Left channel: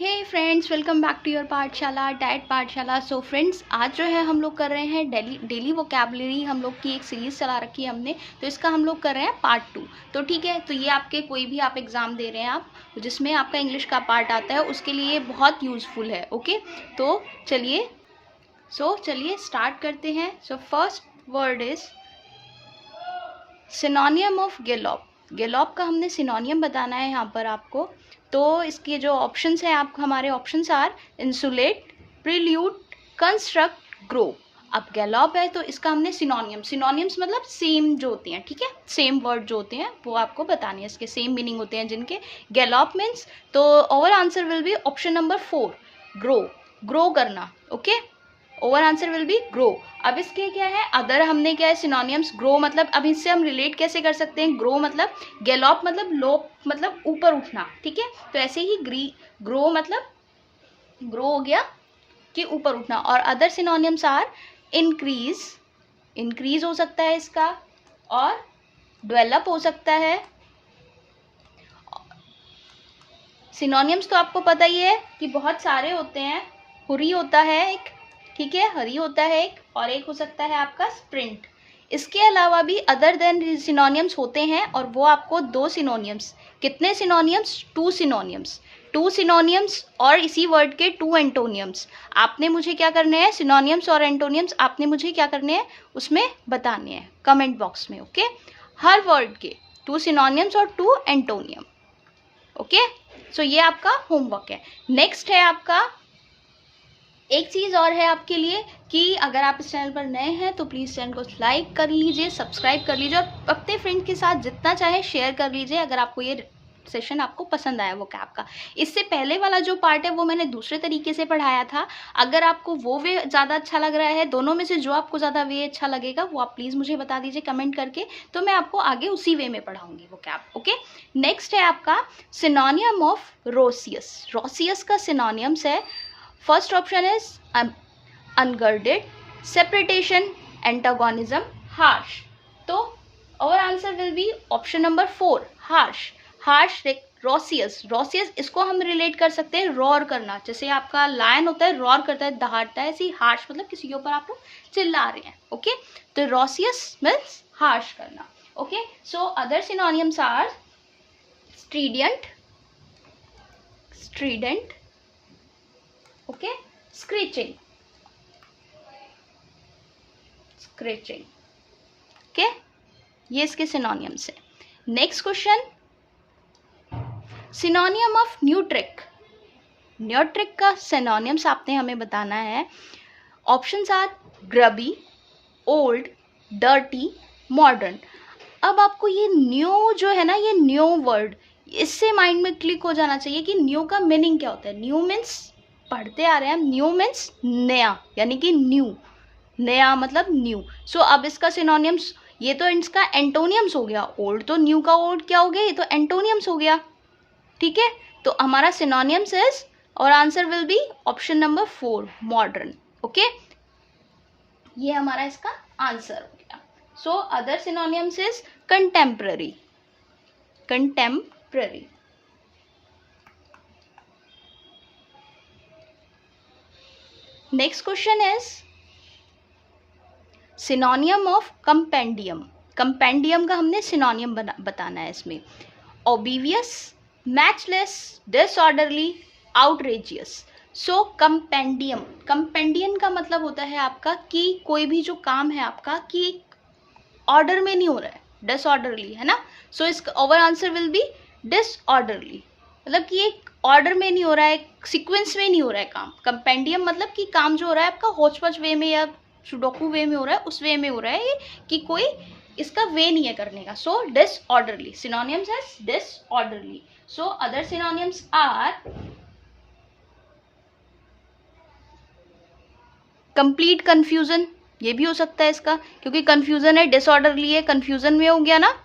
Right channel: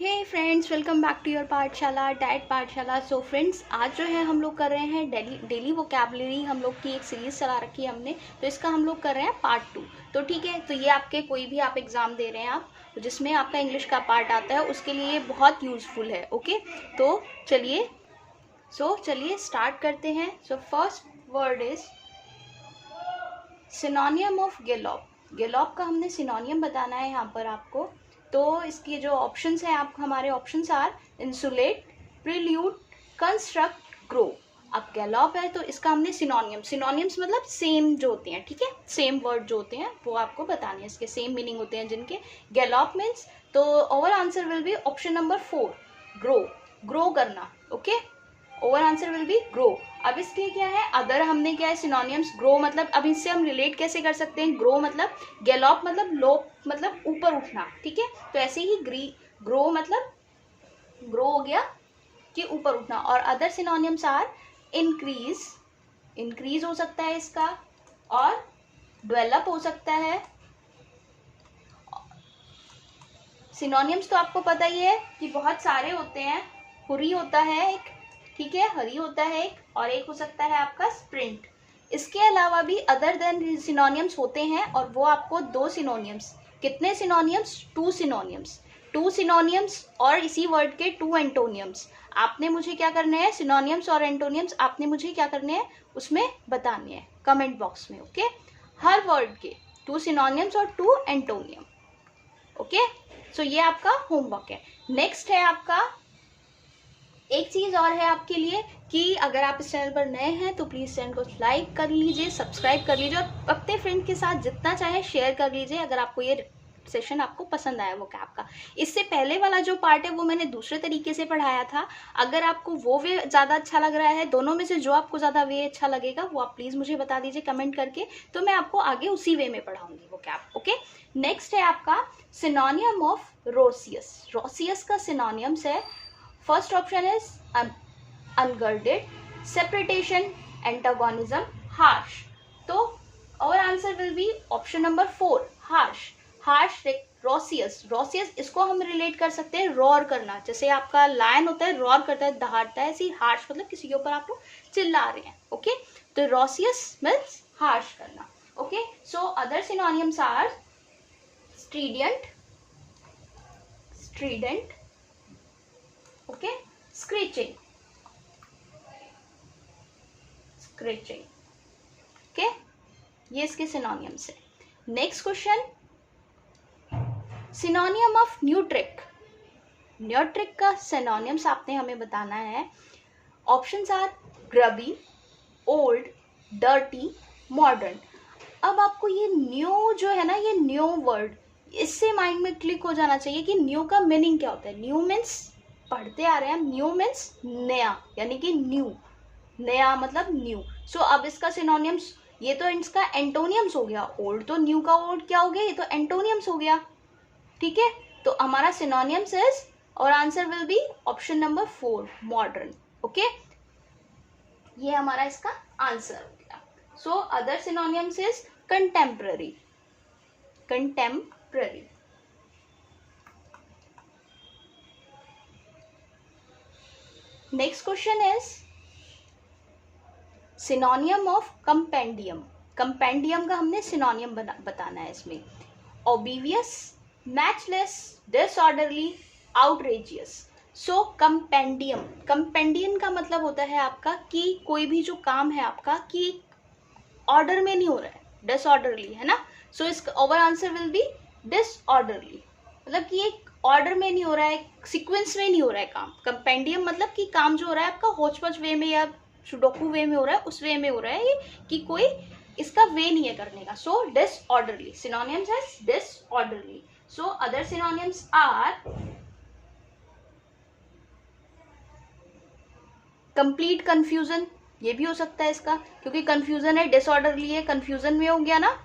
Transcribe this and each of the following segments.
Hey friends, welcome back to your Pathshala diet Pathshala. So friends, आज जो है हम लोग कर रहे हैं डेली वोकैबुलरी। हम लोग की एक सीरीज़ चला रखी है हमने, तो इसका हम लोग कर रहे हैं पार्ट 2। तो ठीक है, तो ये आपके कोई भी आप एग्ज़ाम दे रहे हैं आप जिसमें आपका इंग्लिश का पार्ट आता है उसके लिए बहुत यूज़फुल है। ओके, तो चलिए स्टार्ट करते हैं। So first word is synonym of gallop. Gallop का हमने सिनोनियम बताना है यहाँ पर आपको। तो इसके जो ऑप्शंस हैं, आप हमारे options are insulate, prelude, construct, grow. अब गैलोप है तो इसका हमने सिनोनियम्स मतलब सेम जो होते हैं, ठीक है, सेम वर्ड जो होते हैं वो आपको बताने हैं, इसके सेम मीनिंग होते हैं जिनके। गैलोप मीन्स, तो our answer will be option number 4, grow. Grow करना। Okay, our answer will be grow. अब इसके क्या है, अदर हमने क्या है सिनोनियम्स। ग्रो मतलब, अब इससे हम रिलेट कैसे कर सकते हैं, ग्रो मतलब गैलोप मतलब लो मतलब ऊपर उठना, ठीक है। तो ऐसे ही ग्रो मतलब ग्रो हो गया कि ऊपर उठना। और other synonyms are increase, increase हो सकता है इसका, और डेवलप हो सकता है। सिनोनियम्स तो आपको पता ही है कि बहुत सारे होते हैं। हुरी होता है एक, ठीक है, हरी होता है एक, और एक हो सकता है आपका स्प्रिंट। इसके अलावा भी अदर देन सिनोनियम्स होते हैं, और वो आपको 2 सिनोनियम्स, कितने सिनोनियम्स, 2 सिनोनियम्स, 2 सिनोनियम्स और इसी वर्ड के 2 एंटोनियम्स। आपने मुझे क्या करने हैं, सिनोनियम्स और एंटोनियम्स आपने मुझे क्या करने हैं उसमें बताने हैं कमेंट बॉक्स में। ओके, हर वर्ड के 2 सिनोनियम्स और 2 एंटोनियम। ओके, सो ये आपका होमवर्क है। नेक्स्ट है आपका, एक चीज़ और है आपके लिए कि अगर आप इस चैनल पर नए हैं तो प्लीज़ चैनल को लाइक कर लीजिए, सब्सक्राइब कर लीजिए, और अपने फ्रेंड के साथ जितना चाहे शेयर कर लीजिए अगर आपको ये सेशन आपको पसंद आया वो कैब का। इससे पहले वाला जो पार्ट है वो मैंने दूसरे तरीके से पढ़ाया था। अगर आपको वो वे ज़्यादा अच्छा लग रहा है, दोनों में से जो आपको ज़्यादा वे अच्छा लगेगा वो आप प्लीज़ मुझे बता दीजिए कमेंट करके, तो मैं आपको आगे उसी वे में पढ़ाऊँगी वो कैब। ओके, नेक्स्ट है आपका सिनोनियम ऑफ रोसियस। रोसियस का सिनोनियम्स है, first option is unguarded, separation, antagonism, harsh. तो our answer will be option number 4, harsh. Harsh, raucous, raucous इसको हम रिलेट कर सकते हैं रॉर करना, जैसे आपका लायन होता है रॉर करता है, दहाड़ता है, ऐसे ही हार्श मतलब किसी के ऊपर आप लोग चिल्ला रहे हैं। ओके, तो रोसियस मीन्स हार्श करना। Okay, so other synonyms are strident, strident, okay, screeching, screeching. Okay, ये इसके सिनोनियम्स है। Next question, synonym of neoteric. Neoteric का सिनोनियम्स आपने हमें बताना है। Options are grubby, old, dirty, modern. अब आपको ये न्यू जो है ना, ये न्यू वर्ड, इससे माइंड में क्लिक हो जाना चाहिए कि न्यू का मीनिंग क्या होता है। न्यू मीन्स, पढ़ते आ रहे हैं, न्यू मीन्स नया, यानी कि न्यू, नया मतलब न्यू। सो अब इसका सिनोनियम्स, ये तो इसका एंटोनियम्स हो गया। ओल्ड तो न्यू का ओल्ड क्या हो गया, ये तो एंटोनियम्स हो गया, ठीक है। तो हमारा सिनोनियम्स इज, और answer will be option number 4, modern. Okay, ये हमारा इसका आंसर हो गया। सो other synonyms is contemporary, contemporary. Next question is synonym of compendium. Compendium का हमने सिनोनियम बताना है इसमें। ओबीवियस, मैचलेस, डिसऑर्डरली, आउटरेजियस। सो कंपेंडियम, कंपेंडियम का मतलब होता है आपका कि कोई भी जो काम है आपका कि ऑर्डर में नहीं हो रहा है, डिसऑर्डरली है ना। सो इसका over answer will B disorderly, मतलब कि एक ऑर्डर में नहीं हो रहा है, सीक्वेंस में नहीं हो रहा है काम। कंपेंडियम मतलब कि काम जो हो रहा है आपका होच पच वे में या सुडोकू वे में हो रहा है, उस वे में हो रहा है ये, कि कोई इसका वे नहीं है करने का। सो डिसऑर्डरली, सिनोनियम्स है disorderly. So other synonyms are complete confusion, ये भी हो सकता है इसका, क्योंकि कंफ्यूजन है, डिसऑर्डरली है, कंफ्यूजन में हो गया ना।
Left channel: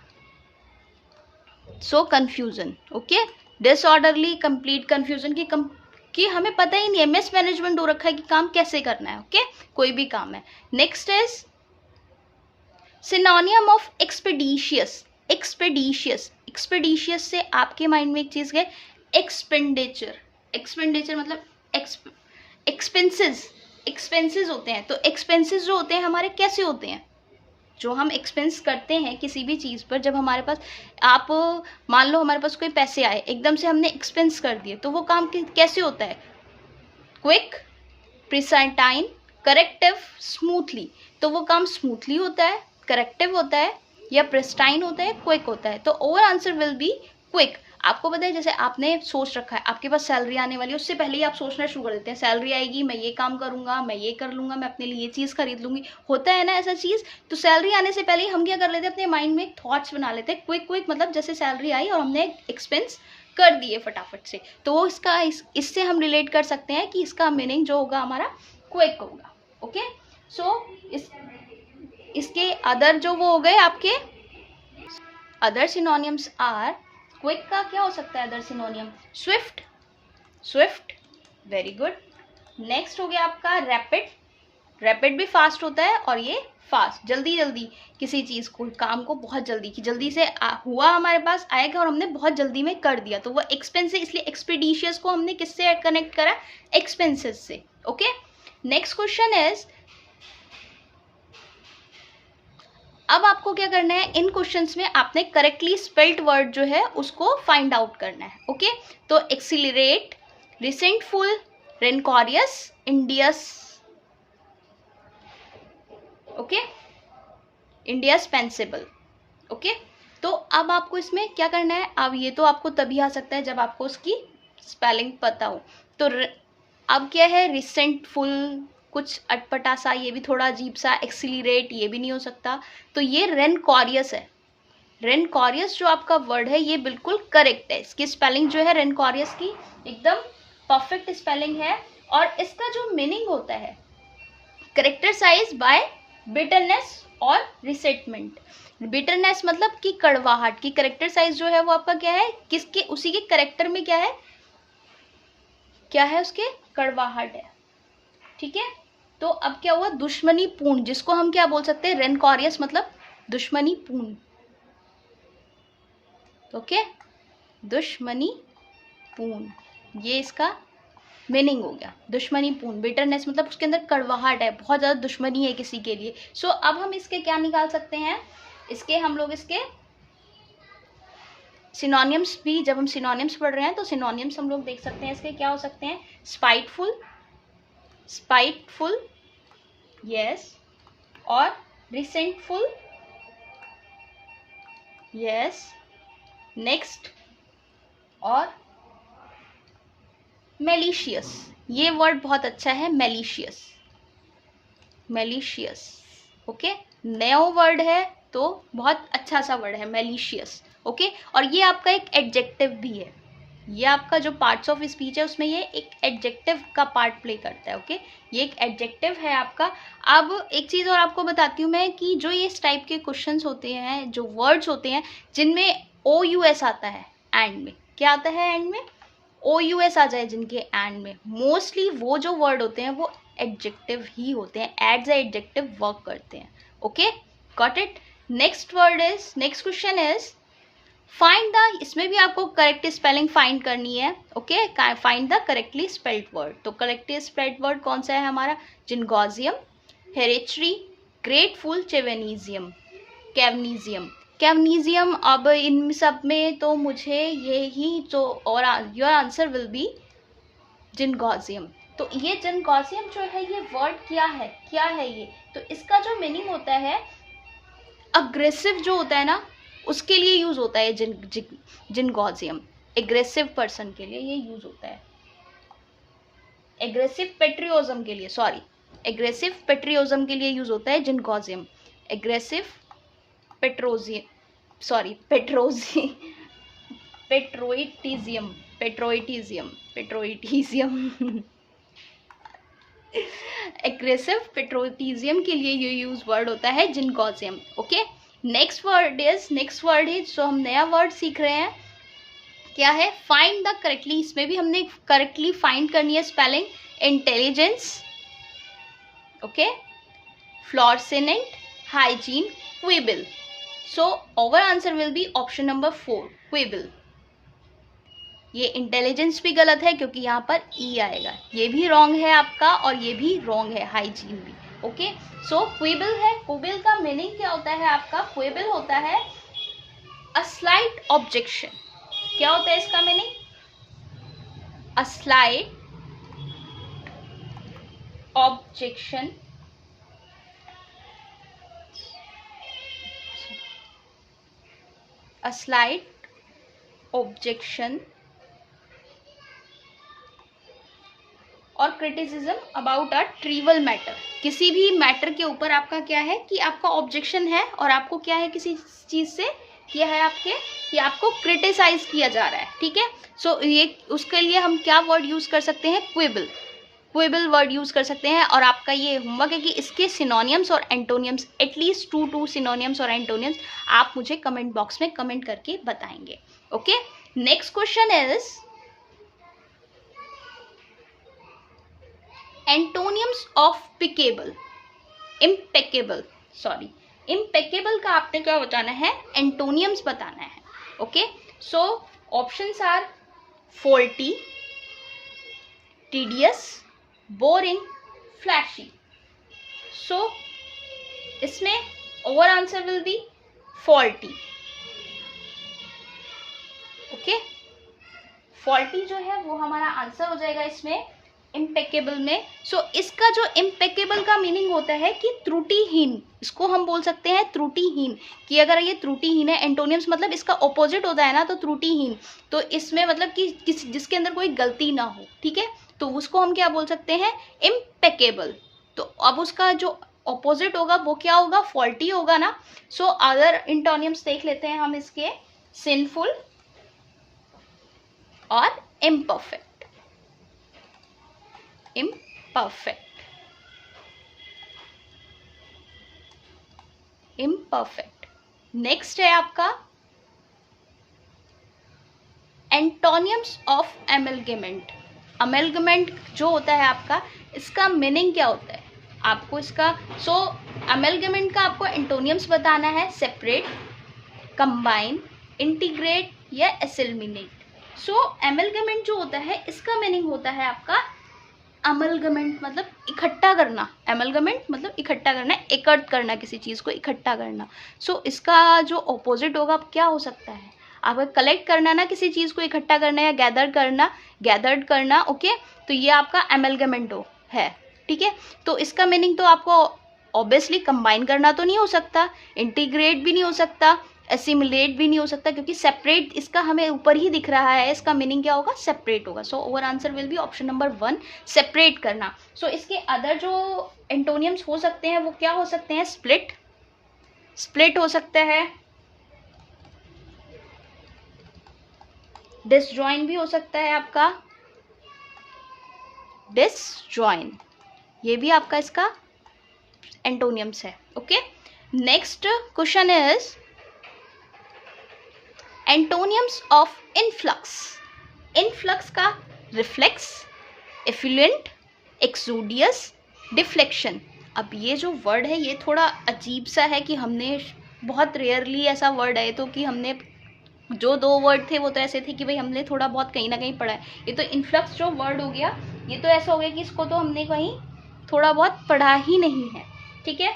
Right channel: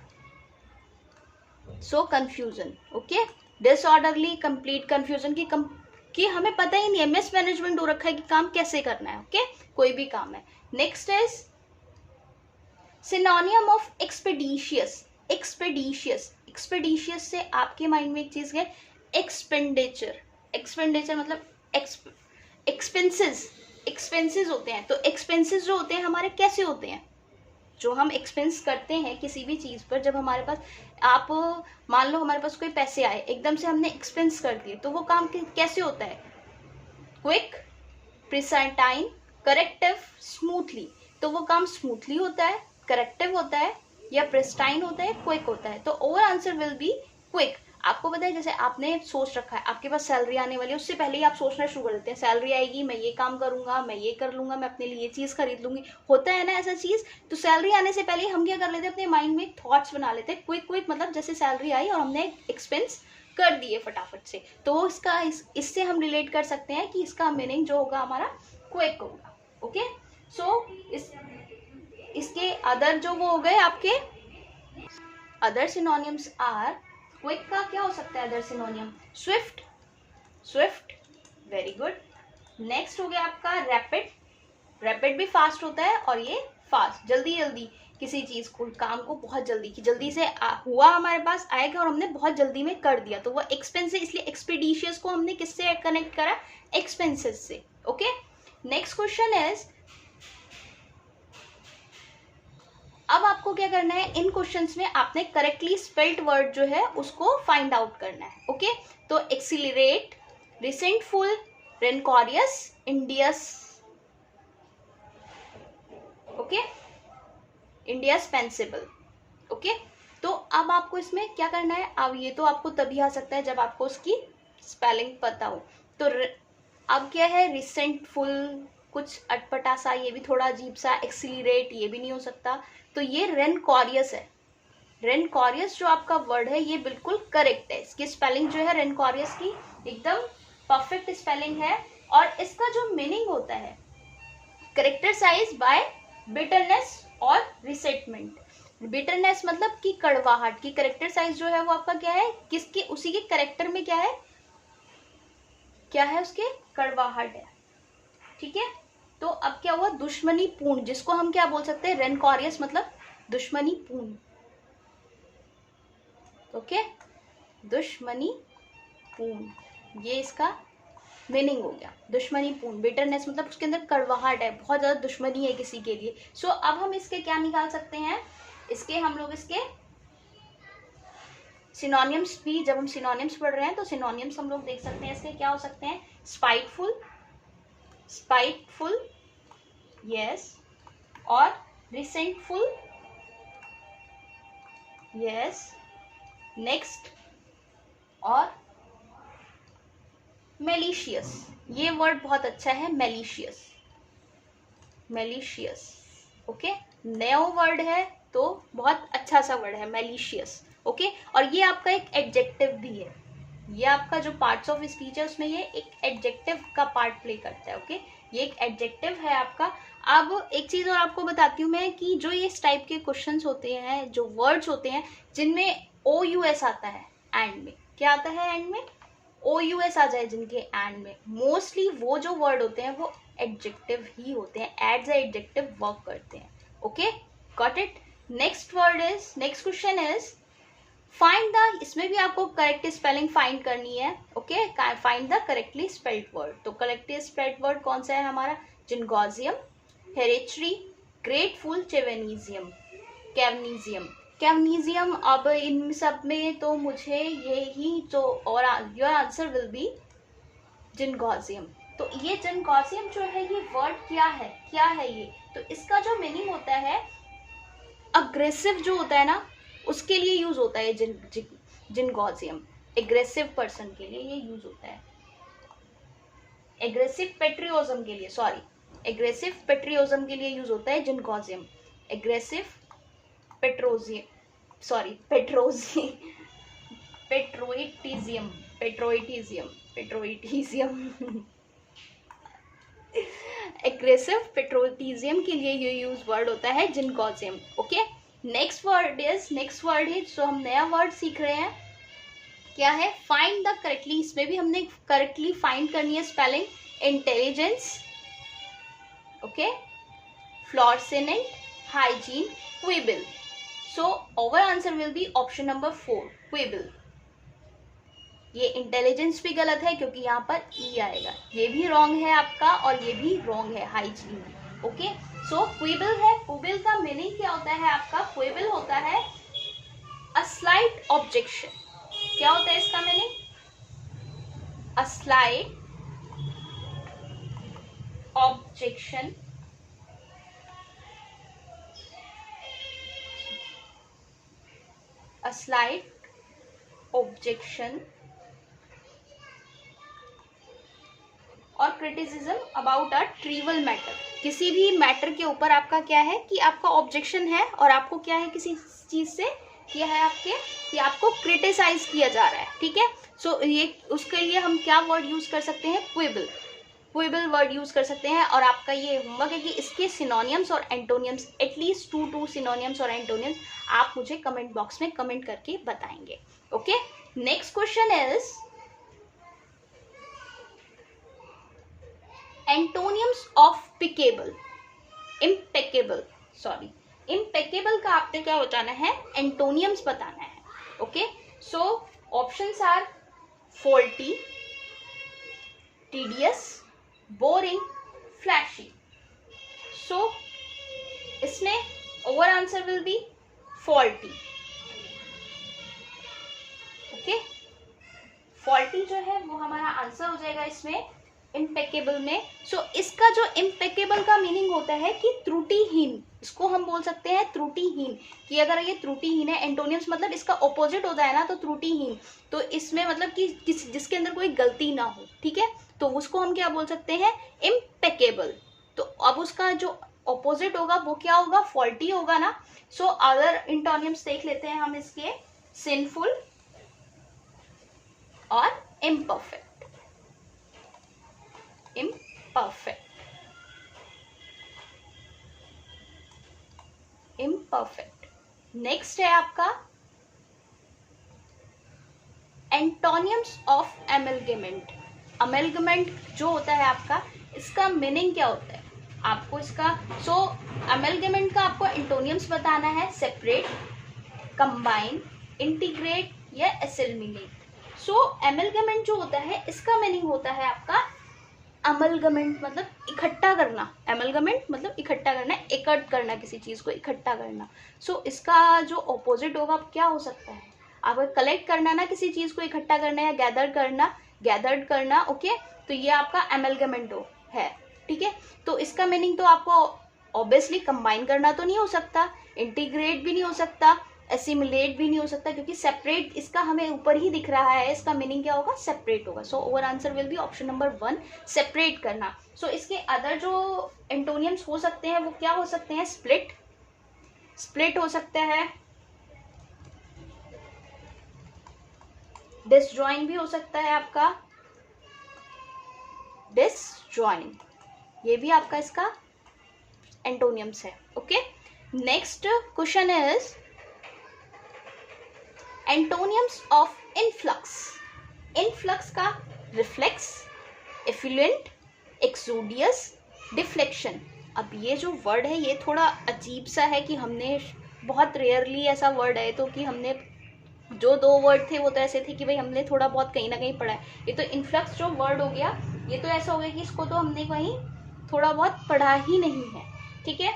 So confusion, okay, disorderly, complete confusion कि हमें पता ही नहीं है, मिस मैनेजमेंट हो रखा है कि काम कैसे करना है। ओके, कोई भी काम है। Next is synonym of expeditious. Expeditious, expeditious से आपके माइंड में एक चीज है, एक्सपेंडिचर। एक्सपेंडिचर मतलब एक्सपेंसेस, एक्सपेंसेस होते हैं। तो एक्सपेंसेस जो होते हैं हमारे कैसे होते हैं, जो हम एक्सपेंस करते हैं किसी भी चीज़ पर, जब हमारे पास, आप मान लो हमारे पास कोई पैसे आए, एकदम से हमने एक्सपेंस कर दिए, तो वो काम कैसे होता है, क्विक, प्रिसाइटाइन, करेक्टिव, स्मूथली। तो वो काम स्मूथली होता है, करेक्टिव होता है, या प्रिस्टाइन होता है, क्विक होता है। तो our answer will be quick. आपको पता है जैसे आपने सोच रखा है आपके पास सैलरी आने वाली है, उससे पहले ही आप सोचना शुरू कर देते हैं, सैलरी आएगी मैं ये काम करूंगा, मैं ये कर लूंगा, मैं अपने लिए ये चीज़ खरीद लूंगी, होता है ना ऐसा चीज़। तो सैलरी आने से पहले हम क्या कर लेते हैं, अपने माइंड में थॉट्स बना लेते हैं, क्विक क्विक मतलब जैसे सैलरी आई और हमने एक्सपेंस कर दिए फटाफट से। तो वो इसका इससे हम रिलेट कर सकते हैं कि इसका मीनिंग जो होगा हमारा क्विक होगा। ओके, सो इसके अदर जो वो हो गए आपके अदर सिनोनियम्स आर, क्विक का क्या हो सकता है other सिनोनियम, Swift, Swift, very good. Next हो गया आपका रैपिड, रैपिड भी फास्ट होता है, और ये फास्ट, जल्दी जल्दी किसी चीज़ को, काम को बहुत जल्दी की जल्दी से हुआ हमारे पास आएगा और हमने बहुत जल्दी में कर दिया, तो वो एक्सपेंस है, इसलिए एक्सपीडिशियस को हमने किससे कनेक्ट करा, एक्सपेंसेस से। ओके, नेक्स्ट क्वेश्चन इज, अब आपको क्या करना है, इन क्वेश्चंस में आपने करेक्टली स्पेल्ड वर्ड जो है उसको फाइंड आउट करना है। ओके, तो accelerate, resentful, रेनकॉरियस, Indians, okay, इंडियास्पेंसिबल। Okay, तो अब आपको इसमें क्या करना है, अब ये तो आपको तभी आ सकता है जब आपको उसकी स्पेलिंग पता हो। तो अब क्या है, रिसेंटफुल कुछ अटपटा सा, ये भी थोड़ा अजीब सा, एक्सिलरेट ये भी नहीं हो सकता, तो ये रेनकॉरियस है। रेनकॉरियस जो आपका वर्ड है ये बिल्कुल करेक्ट है, इसकी स्पेलिंग जो है रेनकॉरियस की एकदम परफेक्ट स्पेलिंग है। और इसका जो मीनिंग होता है, करेक्टराइज बाय बिटरनेस और रिसेंटमेंट। बिटरनेस मतलब कि कड़वाहट की, करेक्टराइज जो है वो आपका क्या है, किसके, उसी के करेक्टर में क्या है, क्या है उसके, कड़वाहट है। ठीक है, तो अब क्या हुआ, दुश्मनी पूर्ण, जिसको हम क्या बोल सकते हैं, रेनकॉरियस मतलब दुश्मनी पूर्ण। ओके, दुश्मनी पूर्ण, ये इसका मीनिंग हो गया, दुश्मनी पूर्ण। बिटरनेस मतलब उसके अंदर कड़वाहट है, बहुत ज्यादा दुश्मनी है किसी के लिए। सो अब हम इसके क्या निकाल सकते हैं, इसके हम लोग इसके सिनोनियम्स भी, जब हम सिनोनियम्स पढ़ रहे हैं तो सिनोनियम्स हम लोग देख सकते हैं इसके क्या हो सकते हैं, स्पाइटफुल, स्पाइटफुल, यस, और रिसेंटफुल, यस, नेक्स्ट, और मेलिशियस। ये वर्ड बहुत अच्छा है, मेलिशियस, मेलिशियस। ओके, नया वर्ड है तो बहुत अच्छा सा वर्ड है मेलिशियस। ओके, और ये आपका एक एडजेक्टिव भी है, ये आपका जो पार्ट्स ऑफ स्पीच है उसमें ये एक एडजेक्टिव का पार्ट प्ले करता है। ओके, ये एक एडजेक्टिव है आपका। अब एक चीज़ और आपको बताती हूँ मैं कि जो ये इस टाइप के क्वेश्चंस होते हैं, जो वर्ड्स होते हैं जिनमें OUS आता है एंड में, क्या आता है एंड में, OUS आ जाए जिनके एंड में, मोस्टली वो जो वर्ड होते हैं वो एडजेक्टिव ही होते हैं, एज ए एडजेक्टिव वर्क करते हैं। Okay, got it. Next word is, next question is find the, इसमें भी आपको करेक्ट स्पेलिंग फाइंड करनी है। Okay, find the correctly spelled word. तो करेक्टली स्पेल्ड वर्ड कौन सा है हमारा, जिनगोजियम, हेरेट्री, ग्रेटफुल, चेवेनिजियम, कैवनीजियम, कैवनीजियम। अब इन सब में तो मुझे ये ही जो, और योर आंसर विल बी जिनगोजियम। तो ये जिनगोजियम जो है ये वर्ड क्या है, क्या है ये, तो इसका जो मीनिंग होता है, अग्रेसिव जो होता है ना उसके लिए यूज होता है जिनगोजियम, एग्रेसिव पर्सन के लिए ये यूज होता है, एग्रेसिव पेट्रियोजम के लिए, सॉरी, एग्रेसिव पेट्रियोजम के लिए यूज होता है जिनगोजियम, एग्रेसिव पेट्रोजियम, सॉरी पेट्रोजी, पेट्रोइटिजियम, पेट्रोइटिजियम, पेट्रोइटिजियम एग्रेसिव पेट्रोटिजियम के लिए ये यूज वर्ड होता है जिनगोजियम। ओके, नेक्स्ट वर्ड इज जो हम नया वर्ड सीख रहे हैं, क्या है, फाइंड द करेक्टली। इसमें भी हमने करेक्टली फाइंड करनी है spelling, intelligence, okay, fluorescent, hygiene, quibble. So over answer will be option number 4, quibble. ये इंटेलिजेंस भी गलत है क्योंकि यहाँ पर ई आएगा, ये भी रॉन्ग है आपका और ये भी रॉन्ग है, हाइजीन भी। ओके, सो क्विबल है, क्विबल का मीनिंग क्या होता है आपका? क्विबल होता है अ स्लाइट ऑब्जेक्शन। क्या होता है इसका meaning? A slight objection, a slight objection और criticism about a trivial matter. किसी भी मैटर के ऊपर आपका क्या है कि आपका ऑब्जेक्शन है और आपको क्या है, किसी चीज से क्या है आपके, कि आपको क्रिटिसाइज किया जा रहा है, ठीक है। सो ये उसके लिए हम क्या वर्ड यूज कर सकते हैं? क्विबल, क्विबल वर्ड यूज कर सकते हैं। और आपका ये होमवर्क है कि इसके सिनोनियम्स और एंटोनियम्स, एटलीस्ट 2 सिनोनियम्स और एंटोनियम्स आप मुझे कमेंट बॉक्स में कमेंट करके बताएंगे। Okay, next question is antonyms of peccable, impeccable, sorry, impeccable का आपने क्या बताना है? एंटोनियम्स बताना है। Okay, so options are faulty, tedious, boring, flashy. So इसमें our answer will be faulty. Okay, faulty जो है वो हमारा आंसर हो जाएगा इसमें इम्पेकेबल में। सो इसका जो इम्पेकेबल का मीनिंग होता है कि त्रुटिहीन, इसको हम बोल सकते हैं त्रुटिहीन, कि अगर ये त्रुटिहीन है, एंटोनियम्स मतलब इसका ऑपोजिट होता है ना, तो त्रुटिहीन, तो इसमें मतलब कि जिसके अंदर कोई गलती ना हो, ठीक है, तो उसको हम क्या बोल सकते हैं? इम्पेकेबल। तो अब उसका जो ऑपोजिट होगा वो क्या होगा? फॉल्टी होगा ना। सो अदर एंटोनियम्स देख लेते हैं हम इसके, सिंफुल और इम्परफेक्ट, imperfect, imperfect। नेक्स्ट है आपका एंटोनियम्स ऑफ एमलगमेंट। अमेलगमेंट जो होता है आपका, इसका मीनिंग क्या होता है आपको इसका? सो अमेलगमेंट का आपको एंटोनियम्स बताना है, सेपरेट, कंबाइन, इंटीग्रेट या एसिमिलेट। सो एमलगमेंट जो होता है इसका मीनिंग होता है आपका, अमलगमेंट मतलब इकट्ठा करना, एमलगमेंट मतलब इकट्ठा करना, एकत्र करना, किसी चीज को इकट्ठा करना। सो इसका जो ऑपोजिट होगा क्या हो सकता है? आपका कलेक्ट करना ना, किसी चीज को इकट्ठा करना या गैदर करना, गैदर्ड करना। ओके, तो ये आपका एमलगमेंट है, ठीक है। तो इसका मीनिंग तो आपको ऑब्वियसली कंबाइन करना तो नहीं हो सकता, इंटीग्रेट भी नहीं हो सकता, एसिमिलेट भी नहीं हो सकता, क्योंकि सेपरेट इसका हमें ऊपर ही दिख रहा है, इसका मीनिंग क्या होगा? सेपरेट होगा। So over answer will be option number 1, separate करना। सो इसके अदर जो एंटोनियम्स हो सकते हैं वो क्या हो सकते हैं? स्प्लिट, स्प्लिट हो सकता है, डिसजॉइन भी हो सकता है आपका, डिसजॉइन, ये भी आपका इसका एंटोनियम्स है। Okay, next question is antonyms of influx. Influx का रिफ्लेक्स, एफ्लुएंट, एक्सोडियस, डिफ्लेक्शन। अब ये जो वर्ड है ये थोड़ा अजीब सा है कि हमने बहुत रेयरली ऐसा वर्ड है, तो कि हमने जो 2 वर्ड थे वो तो ऐसे थे कि भाई हमने थोड़ा बहुत कहीं ना कहीं पढ़ा है। ये तो इनफ्लक्स जो वर्ड हो गया, ये तो ऐसा हो गया कि इसको तो हमने कहीं थोड़ा बहुत पढ़ा ही नहीं है, ठीक है।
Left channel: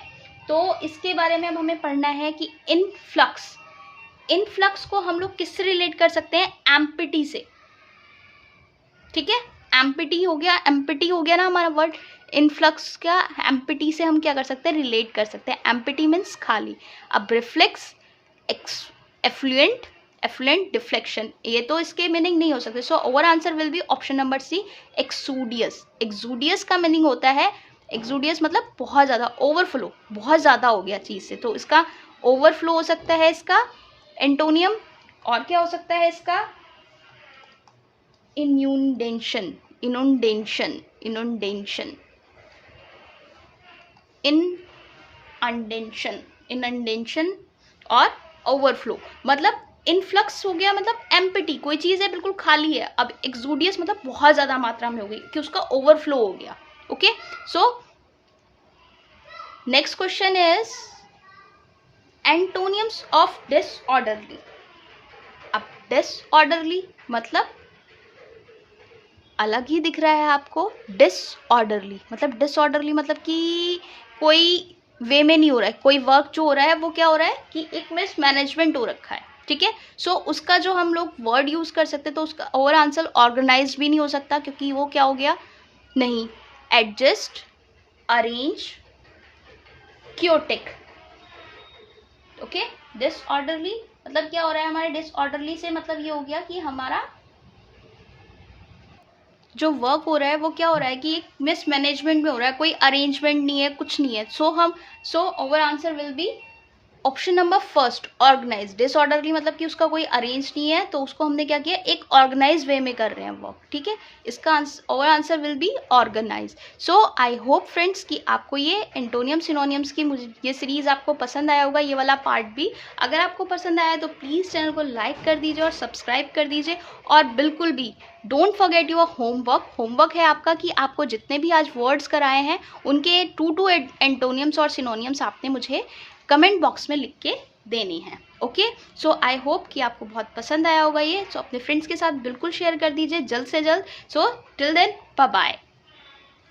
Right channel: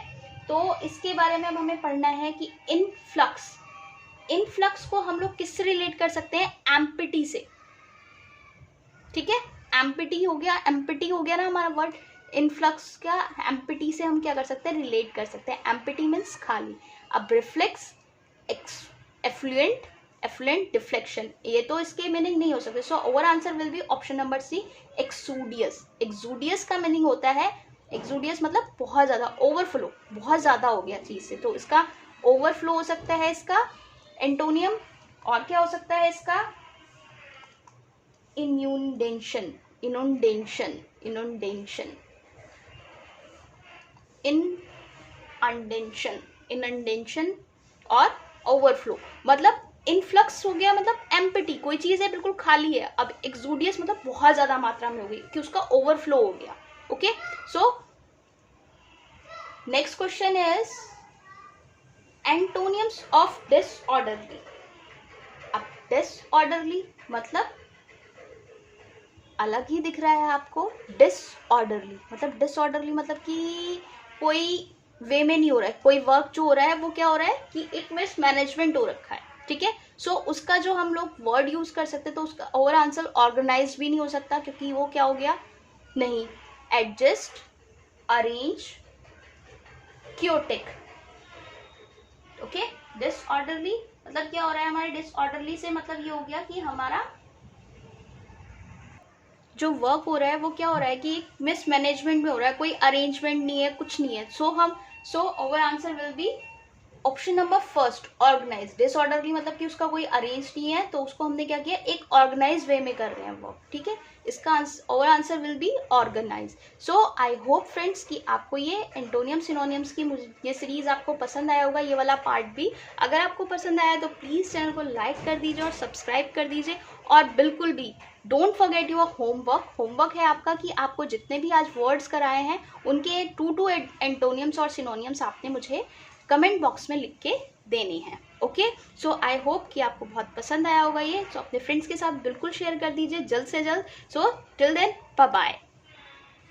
तो इसके बारे में हमें पढ़ना है कि इनफ्लक्स, इनफ्लक्स को हम लोग किससे रिलेट कर सकते हैं? एम्पिटी से, ठीक है। एम्पिटी हो गया, एम्पिटी हो गया ना हमारा वर्ड, इनफ्लक्स का एम्पिटी से हम क्या कर सकते हैं? रिलेट कर सकते हैं। एम्पिटी मीन्स खाली। अब रिफ्लेक्स, एफ्लुएंट, एफ्लुएंट, डिफ्लेक्शन, ये तो इसके मीनिंग नहीं हो सकते। So over answer will be option number C, exodus. Exodus का मीनिंग होता है, एक्सोडियस मतलब बहुत ज़्यादा, ओवरफ्लो, बहुत ज़्यादा हो गया चीज़ से, तो इसका ओवरफ्लो हो सकता है इसका एंटोनियम। और क्या हो सकता है इसका? इन्यूंडेशन, इनुंडेशन, इनुंडेशन, इनअंडेशन, इनअंडेशन और ओवरफ्लो। मतलब इनफ्लक्स हो गया मतलब एम्प्टी, कोई चीज़ है बिल्कुल खाली है। अब एक्सोडियस मतलब बहुत ज़्यादा मात्रा में हो गई कि उसका ओवरफ्लो हो गया। Okay, so next question is antonyms of disorderly. अब डिसऑर्डरली मतलब अलग ही दिख रहा है आपको, डिसऑर्डरली मतलब कि कोई वे में नहीं हो रहा है, कोई वर्क जो हो रहा है वो क्या हो रहा है कि एक मिसमैनेजमेंट हो रखा है, ठीक है। सो उसका जो हम लोग वर्ड यूज कर सकते तो उसका ओवर आंसर ऑर्गेनाइज भी नहीं हो सकता, क्योंकि वो क्या हो गया, नहीं, adjust, arrange, chaotic, okay. Disorderly मतलब क्या हो रहा है हमारे डिसऑर्डरली से, मतलब ये हो गया कि हमारा जो वर्क हो रहा है वो क्या हो रहा है कि मिसमैनेजमेंट में हो रहा है, कोई अरेंजमेंट नहीं है, कुछ नहीं है। So over answer will be option number first, organise. Disorderly मतलब कि उसका कोई अरेंज नहीं है, तो उसको हमने क्या किया, एक ऑर्गेनाइज वे में कर रहे हैं वर्क, ठीक है। इसका over answer will be organise. So I hope friends कि आपको ये एंटोनियम सिनोनियम्स की ये सीरीज आपको पसंद आया होगा, ये वाला पार्ट भी। अगर आपको पसंद आया तो प्लीज़ चैनल को लाइक कर दीजिए और सब्सक्राइब कर दीजिए, और बिल्कुल भी डोंट फॉरगेट योर होमवर्क है आपका कि आपको जितने भी आज वर्ड्स कराए हैं उनके 2 एंटोनियम्स और सिनोनियम्स आपने मुझे कमेंट बॉक्स में लिख के देनी है, ओके। सो आई होप कि आपको बहुत पसंद आया होगा ये, सो अपने फ्रेंड्स के साथ बिल्कुल शेयर कर दीजिए जल्द से जल्द। So till then bye bye.